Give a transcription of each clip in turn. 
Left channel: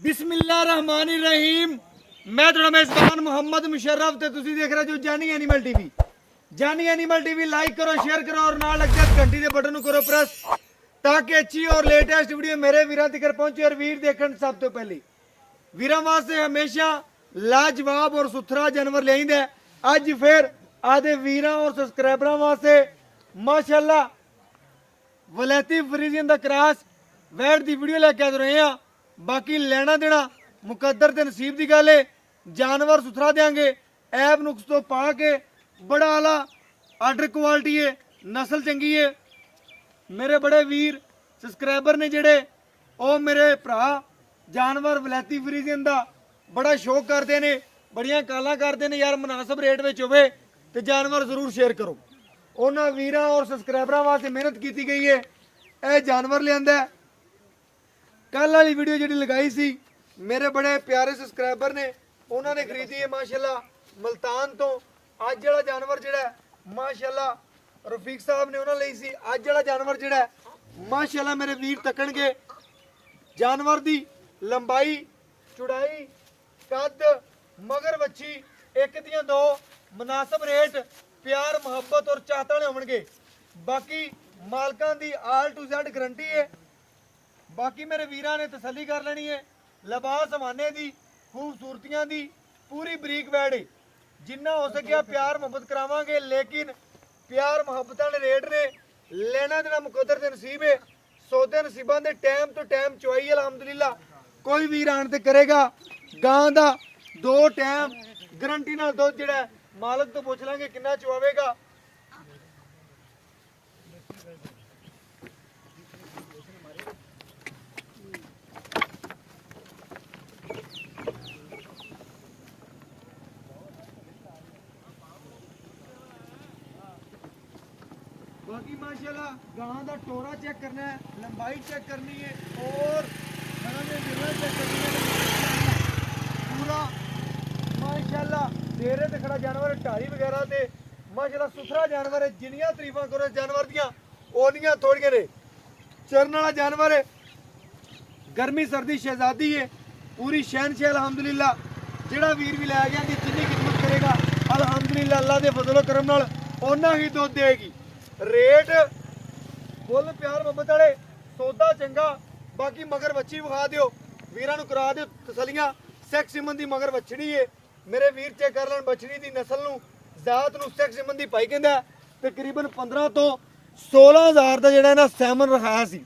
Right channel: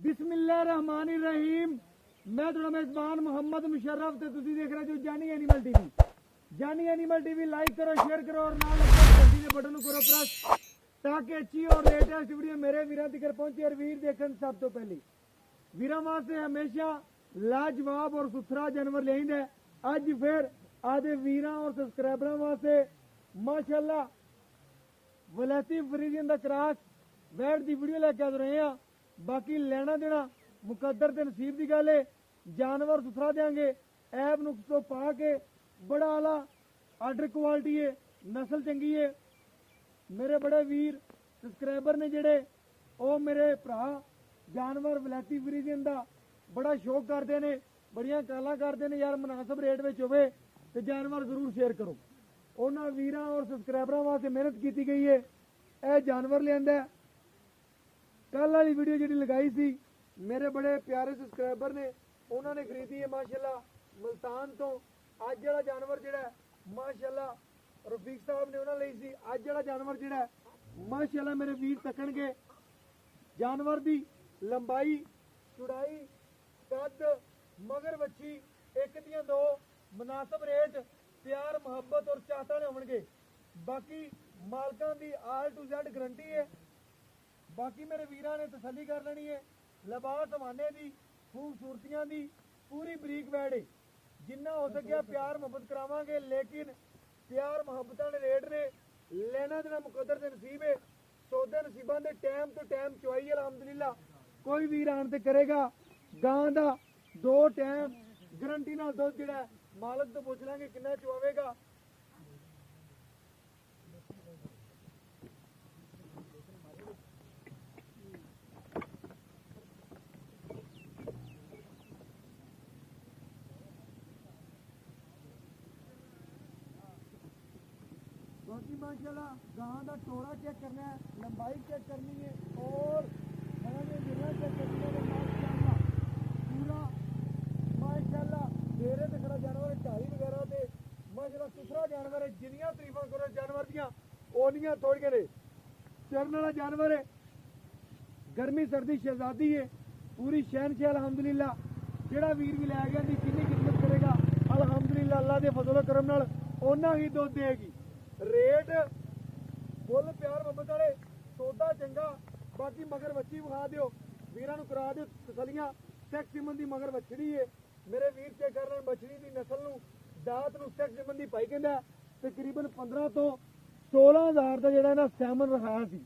बिस्मिल्लाहिर्रहमानिर्रहीम। मैं थोड़ा मेजबान मोहम्मद मुशर्रफ ते तुसी देख रहे हो जानी एनिमल टीवी। जानी एनिमल टीवी लाइक करो, शेयर करो और नाल लग जाए घंटी के बटन करो प्रेस ताकि अच्छी और लेटेस्ट वीडियो मेरे वीरां तक पहुंचे और वीर देखण सब तो पहले। वीरां वास्ते हमेशा लाजवाब और सुथरा जानवर ले आइंदा। अज फिर आदे वीरां और सब्सक्राइबरां वास्ते माशाअल्लाह वलैती फ्रीजियन दा क्रॉस वैट दी वीडियो लेके आ रहे हैं। बाकी लेना देना मुकद्दर ते नसीब की गल है। जानवर सुथरा देंगे, ऐब नुक्स तो पा के बड़ा आला आर्डर क्वालिटी है, नस्ल चंगी है। मेरे बड़े वीर सब्सक्राइबर ने जेड़े ओ मेरे भरा जानवर वलैती फ्रीजियन दा बड़ा शौक करते हैं, बड़ियां कालां करते हैं यार मुनासिब रेट में होवे तो जानवर जरूर शेयर करो। उन्होंने वीरां और सब्सक्राइबरां वास्ते मेहनत की गई है। यह जानवर लिया कल वाली वीडियो जी लगाई सी मेरे बड़े प्यारे सब्सक्राइबर ने उन्होंने खरीदी है माशाल्लाह मुल्तान तो। अज वाला जानवर जोड़ा माशाल्लाह रफीक साहब ने उन्होंने ली सी। अज वाला जानवर जोड़ा माशाल्लाह मेरे वीर तकन के जानवर की लंबाई चौड़ाई कद मगर बच्ची एक दियां दो मुनासिब रेट प्यार मुहब्बत और चाहत वाले होंगे। बाकी मालकां दी आल टू जेड गारंटी है। बाकी मेरे वीरां ने तसल्ली कर लेनी है। लिबास हवाने दी खूबसूरतियां दी पूरी बरीक वैड है। जिन्ना हो सकिया प्यार मुहब्बत करावांगे, लेकिन प्यार मुहब्बत वाले रेट ने लेना देना मुकद्दर ते नसीब है। सौदे नसीबां दे टाइम तो टाइम चुआई अलहमदुलिल्लाह कोई वीर आण ते करेगा। गां दा 2 टाइम गारंटी नाल दुध जिहड़ा मालक तो पुछ लांगे किन्ना चुआवेगा। बाकी माशाल्लाह गां का टोरा चेक करना है, लंबाई चेक करनी है और चेक करनी है। पूरा माशाल्लाह डेरे ते खड़ा जानवर ढारी वगैरह ते माशाल्लाह सुथरा जानवर है। जिन्नियां तरीफां करो जानवर दियां ओनियां थोड़ियां ने। चरन वाला जानवर है, गर्मी सर्दी शहजादी है, पूरी शहनशाह अलहमदुलिल्लाह। जेड़ा वीर भी लै गया जितनी खिदमत करेगा अलहमदुलिल्लाह अल्लाह के फजलो करम नाल ओना ही दुध देगी। रेट फुल प्यार मुहब्बत वाले, सौदा चंगा। बाकी मगर बच्ची विखा दियो, वीरां नूं करा दियो तसलियां। सैक्स सिमन दी मगर बछड़ी है, मेरे वीर चेक कर लैन बछड़ी दी नस्ल नूं जात नूं सैक्स सिमन दी पाई कहंदा। तकरीबन 15 तो 16 हज़ार का जिहड़ा ना सैमन रखाया सी।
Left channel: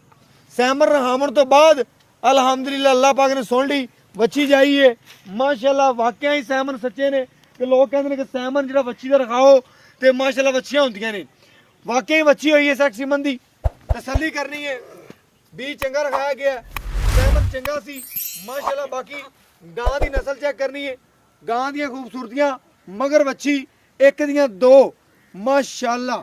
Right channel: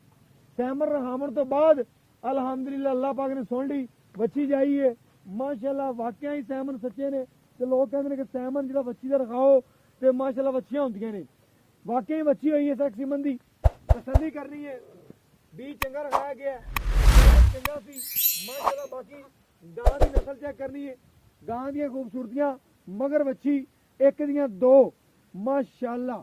सैमन रखावन तो बाद अलहमदुलिल्लाह अल्लाह पाक ने सुन ली बच्ची जाई है माशाल्लाह। वाकई ही सैमन सच्चे ने कि लोग कहते हैं कि सैमन जिहड़ा बच्ची दा रखाओ तो माशाल्लाह बच्चियां होंदियां ने। वाकई बच्ची हुई है सैक्स सिमन दी। तसल्ली करनी है, बीज चंगा रखाया गया, सैमन चंगा सी माशाल्लाह। बाकी गां की नस्ल चेक करनी है, गां दी खूबसूरतियां मगर बच्ची एक दियां दो माशाल्लाह।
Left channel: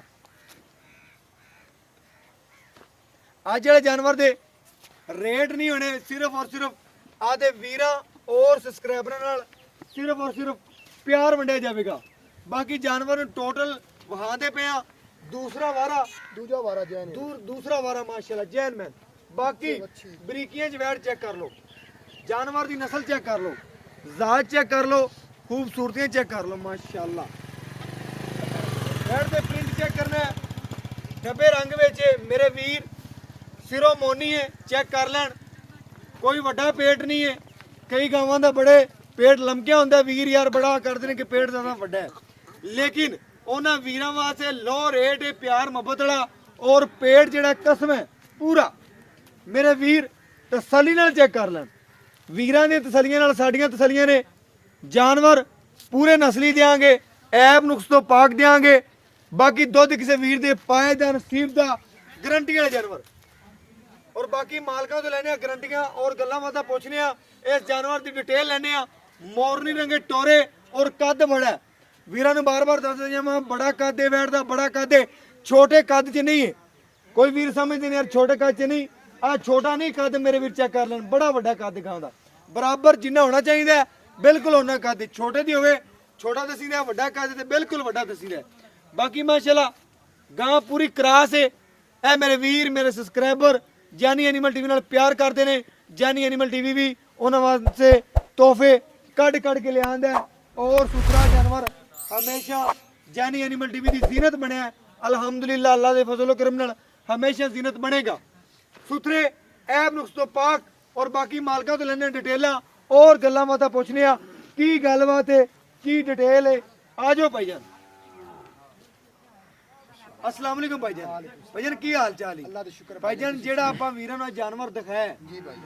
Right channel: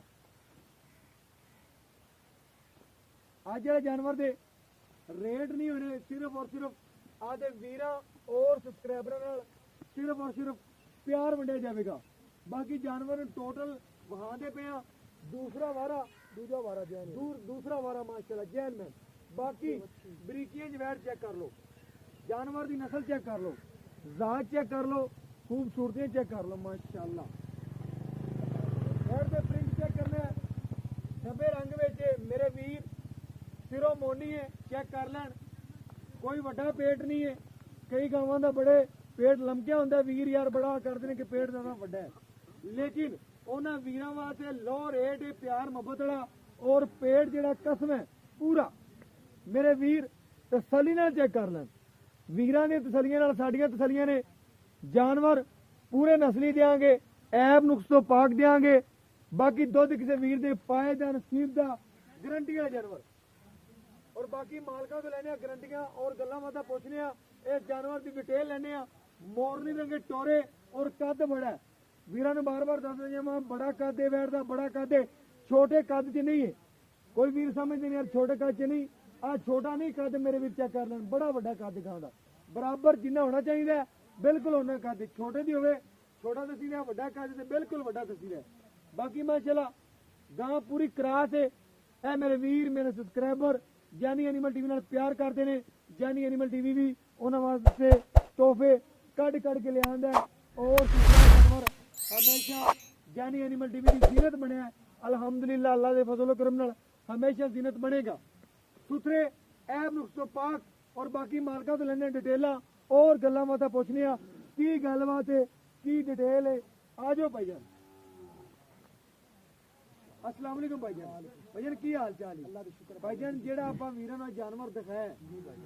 अज वाले जानवर दे रेट नहीं होने, सिर्फ और सिर्फ आदे वीरां और सब्सक्राइबरां नाल सिर्फ और सिर्फ प्यार वंडिया जाएगा। बाकी जानवर टोटल वहां पे आ दूसरा वारा माशाल्लाह जैन मैन। बाकी बरीकियां जवैड़ चेक कर लो, जानवर की नस्ल चेक कर लो, जात चेक कर लो, खूबसूरतियां चेक कर लो माशाल्लाह। वैड़ दे प्रिंट चेक करना है, डब्बे रंग में मेरे वीर सिरों मोनी है चेक कर लैन। कोई वड्डा पेट नहीं है, कई गावां दा बड़े पेट लमकिया होंदा। वीर यार बड़ा करते हैं कि पेट ज़्यादा वड्डा है, लेकिन उन्होंने वीरां वास्ते लो रेट है प्यार मुहब्बत वाला और पेट जिहड़ा कसम है पूरा। मेरे वीर तसल्ली नाल चेक कर लैन, वीरां दी तसल्लियां नाल साडियां तसल्लियां ने। जानवर पूरे नस्ली देंगे, ऐब नुक्स तो पाक देंगे। बाकी दुध किसी वीर दे पाए दा नसीब दा गारंटी वाले जानवर। और बाकी मालकां तो लैने गारंटियां और गल्लां बातां पुछने इस जानवर की डिटेल लैने। मोरनी रंगे टोरे और कद बड़ा है। वीरां नूं बार बार दस दिया बड़ा कद है, वैट दा बड़ा कद है, छोटे कद च नहीं है। कोई वीर समझते नहीं यार छोटे कद च नहीं, आ छोटा नहीं कद मेरे वीर चेक कर लैन। बड़ा वड्डा कद गां दा बराबर जिन्ना होना चाहिए बिल्कुल उन्ना कद। छोटे दी होवे छोटा दसीदा, वड्डा कद ते बिल्कुल वड्डा दसीदा। बाकी माशाल्लाह गां पूरी क्रास है। ए मेरे वीर मेरे सब्सक्राइबर जानी एनिमल टीवी नाल प्यार करते हैं। जानी एनिमल टीवी भी ਉਹਨਾਂ ਵਾਸਤੇ ਤੋਹਫੇ ਕੱਢ ਕੇ ਲਿਆਂਦਾ ਔਰ ਸੁਥਰਾ ਜਾਨਵਰ ਹਮੇਸ਼ਾ ਜਾਨੀ ਐਨੀਮਲ ਟੀਵੀ ਦੀ ਜ਼ੀਨਤ ਬਣਿਆ ਹੈ। ਅਲਹਮਦੁਲਿल्लाह ਅੱਲਾਹ ਦੇ ਫਜ਼ਲ ਕਰਮ ਨਾਲ ਹਮੇਸ਼ਾ ਜ਼ੀਨਤ ਬਣੇਗਾ। ਸੁਥਰੇ ਐਬ ਨੁਕਸ ਤੋਂ ਪਾਕ ਔਰ ਬਾਕੀ ਮਾਲਕਾਂ ਤੋਂ ਲੈਣੇ ਡਿਟੇਲਾਂ ਔਰ ਗੱਲਾਂ ਬਾਤਾਂ ਪੁੱਛਨੇ ਆ ਕੀ ਗੱਲਬਾਤ ਹੈ ਕੀ ਡਿਟੇਲ ਹੈ। ਆ ਜਾਓ ਭਾਈਜਾਨ। अस्सलाम वालेकुम भाईजान। भाईजान की हाल चाल है? अल्लाह दा शुक्र भाईजान जेड़ा आपा वीरां नु जानवर दिखाया है जी भाई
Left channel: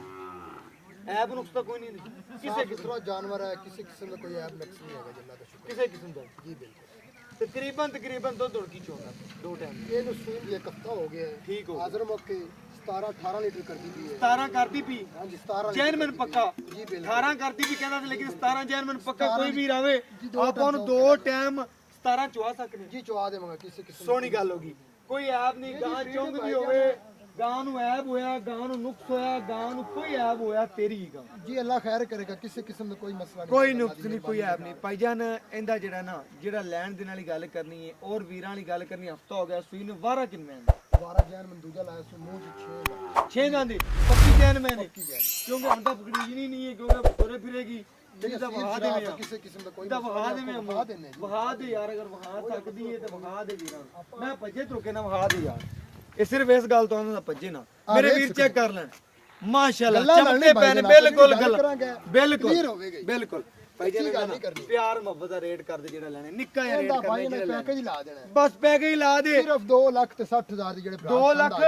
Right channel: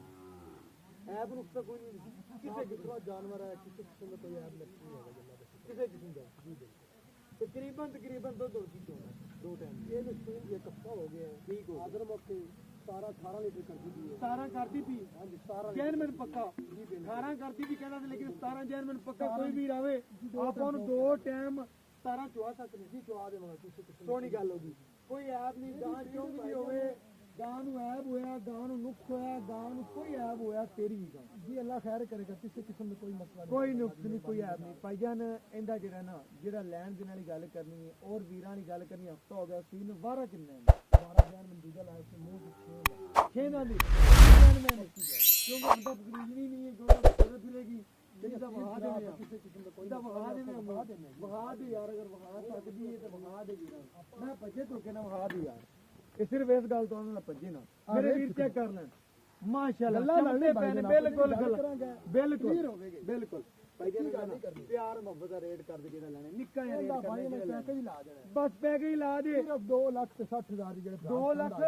ऐब नुक्स तो कोई नहीं किसी किस्म का जानवर है किसी किस्म का कोई ऐप नक्स नहीं है अल्लाह दा शुक्र किसी किस्म दा जी बिल्कुल तकरीबन दुध की चोंदा दो टाइम ये तो सूद एक हफ्ता हो गया है ठीक हो हाजिर मौके 17 18 लीटर कर दी थी 17 करती पी हां जी 17 जैनमन पक्का जी बिल्कुल 18 करती भी कहंदा लेकिन 17 जैनमन पक्का कोई भी रावे आपा नु दो टाइम 17 चुआ सकने जी चुआ देवांगा किसी किस्म सोहनी गल होगी कोई ऐब नहीं गां चुंगदी होवे गां नु ऐब होया गां नु नुक्स होया गां नु कोई ऐब होया तेरी ही गां जी अल्लाह खैर करेगा किसी किस्म का कोई मसला नहीं कोई नुक्स नहीं कोई ऐब नहीं भाईजान इंदा जेड़ा ना जेड़ा लैंड देने वाली गल करनी है और वीरां वाली गल करनी हफ्ता हो गया सूई ने वारा किन्ने 12 जैन में दूजा लाया सो मुंह 6 छे गां दी पक्की जैन मैंने क्योंकि बंदा पकड़ी ही नहीं है क्योंकि तुरे फिरेगी ठीक है वहा दे में किसी किस्म का कोई ਦਾ ਵਹਾ ਦੇ ਮੈਂ वहा देने ਵਹਾ ਦੇ ਯਾਰ ਅਗਰ ਵਹਾ ਸਕਦੀ ਹੈ ਤੇ ਵਹਾ ਦੇ ਵੀਰਾਂ ਮੈਂ ਭੱਜੇ ਤੁਰਕੇ ਨਾ ਵਹਾ ਦੇ ਯਾਰ ਇਹ ਸਿਰਫ ਇਸ ਗੱਲ ਤੋਂ ਆਉਂਦਾ ਭੱਜੇ ਨਾ ਮੇਰੇ ਵੀਰ ਚੈੱਕ ਕਰ ਲੈਣ ਮਾਸ਼ਾਅੱਲਾ ਚਮਕੇ ਪੈਨ ਬਿਲਕੁਲ ਬਿਲਕੁਲ ਕਲੀਅਰ ਹੋਵੇਗਾ ਬਿਲਕੁਲ ਭਾਈ ਜੀ ਗੱਲ ਨਹੀਂ ਕਰਨੀ ਪਿਆਰ ਮੁਹੱਬਤ ਦਾ ਰੇਟ ਕਰਦੇ ਜਿਹੜਾ ਲੈਣੇ ਨਿੱਕਾ ਜਿਹਾ ਰੇਟ ਇਹਦਾ ਕਰਨਾ ਭਾਈ ਨੇ ਪੈਕੇਜ ਲਾ ਦੇਣਾ ਹੈ। ਬਸ ਪੈਕੇਜ ਲਾ ਦੇ ਸਿਰਫ 2 ਲੱਖ ਤੇ 60,000 ਦੀ ਜਿਹੜੇ 2 ਲੱਖ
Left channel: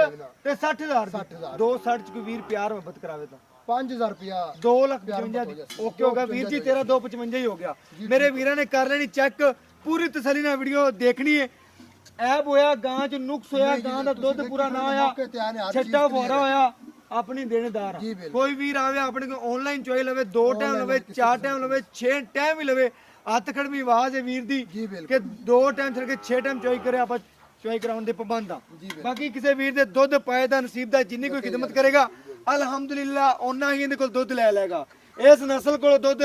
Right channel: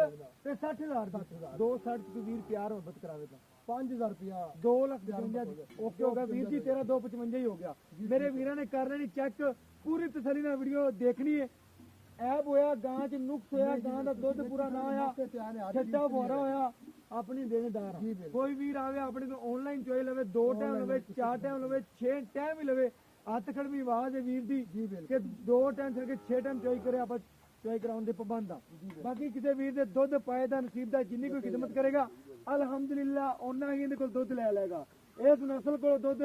ਤੇ 60,000 60,000 2 60 ਚ ਕੋਈ ਵੀਰ ਪਿਆਰ ਮੁਹੱਬਤ ਕਰਾਵੇ ਤਾਂ 5000 ਰੁਪਿਆ 2 ਲੱਖ 55 ਓਕੇ ਹੋ ਗਿਆ ਵੀਰ ਜੀ ਤੇਰਾ 255 ਹੀ ਹੋ ਗਿਆ ਮੇਰੇ ਵੀਰਾਂ ਨੇ ਕਰ ਲੈਣੀ ਚੈੱਕ ਪੂਰੀ ਤਸੱਲੀ ਨਾਲ ਵੀਡੀਓ ਦੇਖਣੀ ਹੈ ਐਬ ਹੋਇਆ ਗਾਂ ਚ ਨੁਕਸ ਹੋਇਆ ਗਾਂ ਦਾ ਦੁੱਧ ਪੂਰਾ ਨਾ ਆਇਆ ਛੱਟਾ ਫੋਰਾ ਹੋਇਆ ਆਪਣੀ ਦੇਣੇਦਾਰ ਕੋਈ ਵੀਰ ਆਵੇ ਆਪਣੇ ਕੋ ਆਨਲਾਈਨ ਚੋਈ ਲਵੇ 2 ਟਾਈਮ ਲਵੇ 4 ਟਾਈਮ ਲਵੇ 6 ਟਾਈਮ ਹੀ ਲਵੇ ਹੱਥ ਖੜਵੀਂ ਆਵਾਜ਼ ਹੈ ਵੀਰ ਦੀ ਕਿ 2 ਟਾਈਮ ਛੱਡ ਕੇ 6 ਟਾਈਮ ਚੋਈ ਕਰੇ ਆਪਾਂ ਚੋਈ ਕਰਾਉਣ ਦੇ ਪਾਬੰਦ ਆ ਬਾਕੀ ਕਿਸੇ ਵੀਰ ਦੇ ਦੁੱਧ ਪਾਏ ਦਾ ਨਸੀਬ ਦਾ ਜਿੰਨੀ ਕੋਈ ਖਿਦਮਤ ਕਰੇਗਾ ਅਲਹਮਦੁਲਿल्लाह ਉਹਨਾਂ ਹੀ ਇਹਦੇ ਕੋਲ ਦੁੱਧ ਲੈ ਲੇਗਾ ਇਸ ਨਸਲ ਕੋਲ ਦੁੱਧ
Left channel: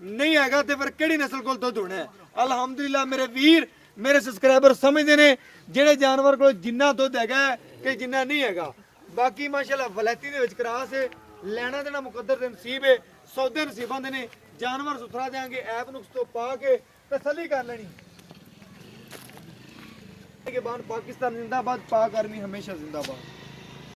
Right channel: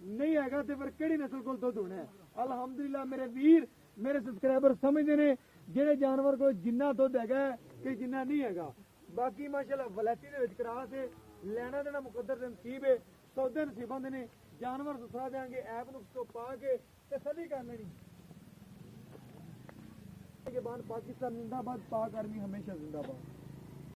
ਨਹੀਂ ਹੈਗਾ ਤੇ ਫਿਰ ਕਿਹੜੀ ਨਸਲ ਕੋਲ ਦੁੱਧ ਹੋਣਾ ਹੈ ਅਲਹਮਦੁਲਿल्लाह ਮੇਰੇ ਵੀਰ ਮੇਰੇ ਸਬਸਕ੍ਰਾਈਬਰ ਸਮਝਦੇ ਨੇ ਜਿਹੜੇ ਜਾਨਵਰ ਕੋਲ ਜਿੰਨਾ ਦੁੱਧ ਹੈਗਾ ਕਿ ਜਿੰਨਾ ਨਹੀਂ ਹੈਗਾ ਬਾਕੀ ਮਾਸ਼ਾਅੱਲਾ ਵਲੈਤੀ ਦੇ ਵਿੱਚ ਕਰਾਸ ਹੈ ਲੈਣਾ ਦੇਣਾ ਮੁਕੱਦਰ ਦੇ ਨਸੀਬ ਹੈ ਸੌਦੇ ਨਸੀਬਾਂ ਦੇ ਨੇ ਜਾਨਵਰ ਸੁਥਰਾ ਦੇਾਂਗੇ ਐਪ ਨੁਕਸ ਤੋਂ ਪਾ ਕੇ ਤਸੱਲੀ ਕਰ ਲੈਣੀ के बाद पाकिस्तान जिंदाबाद पाक आर्मी हमेशा जिंदाबाद।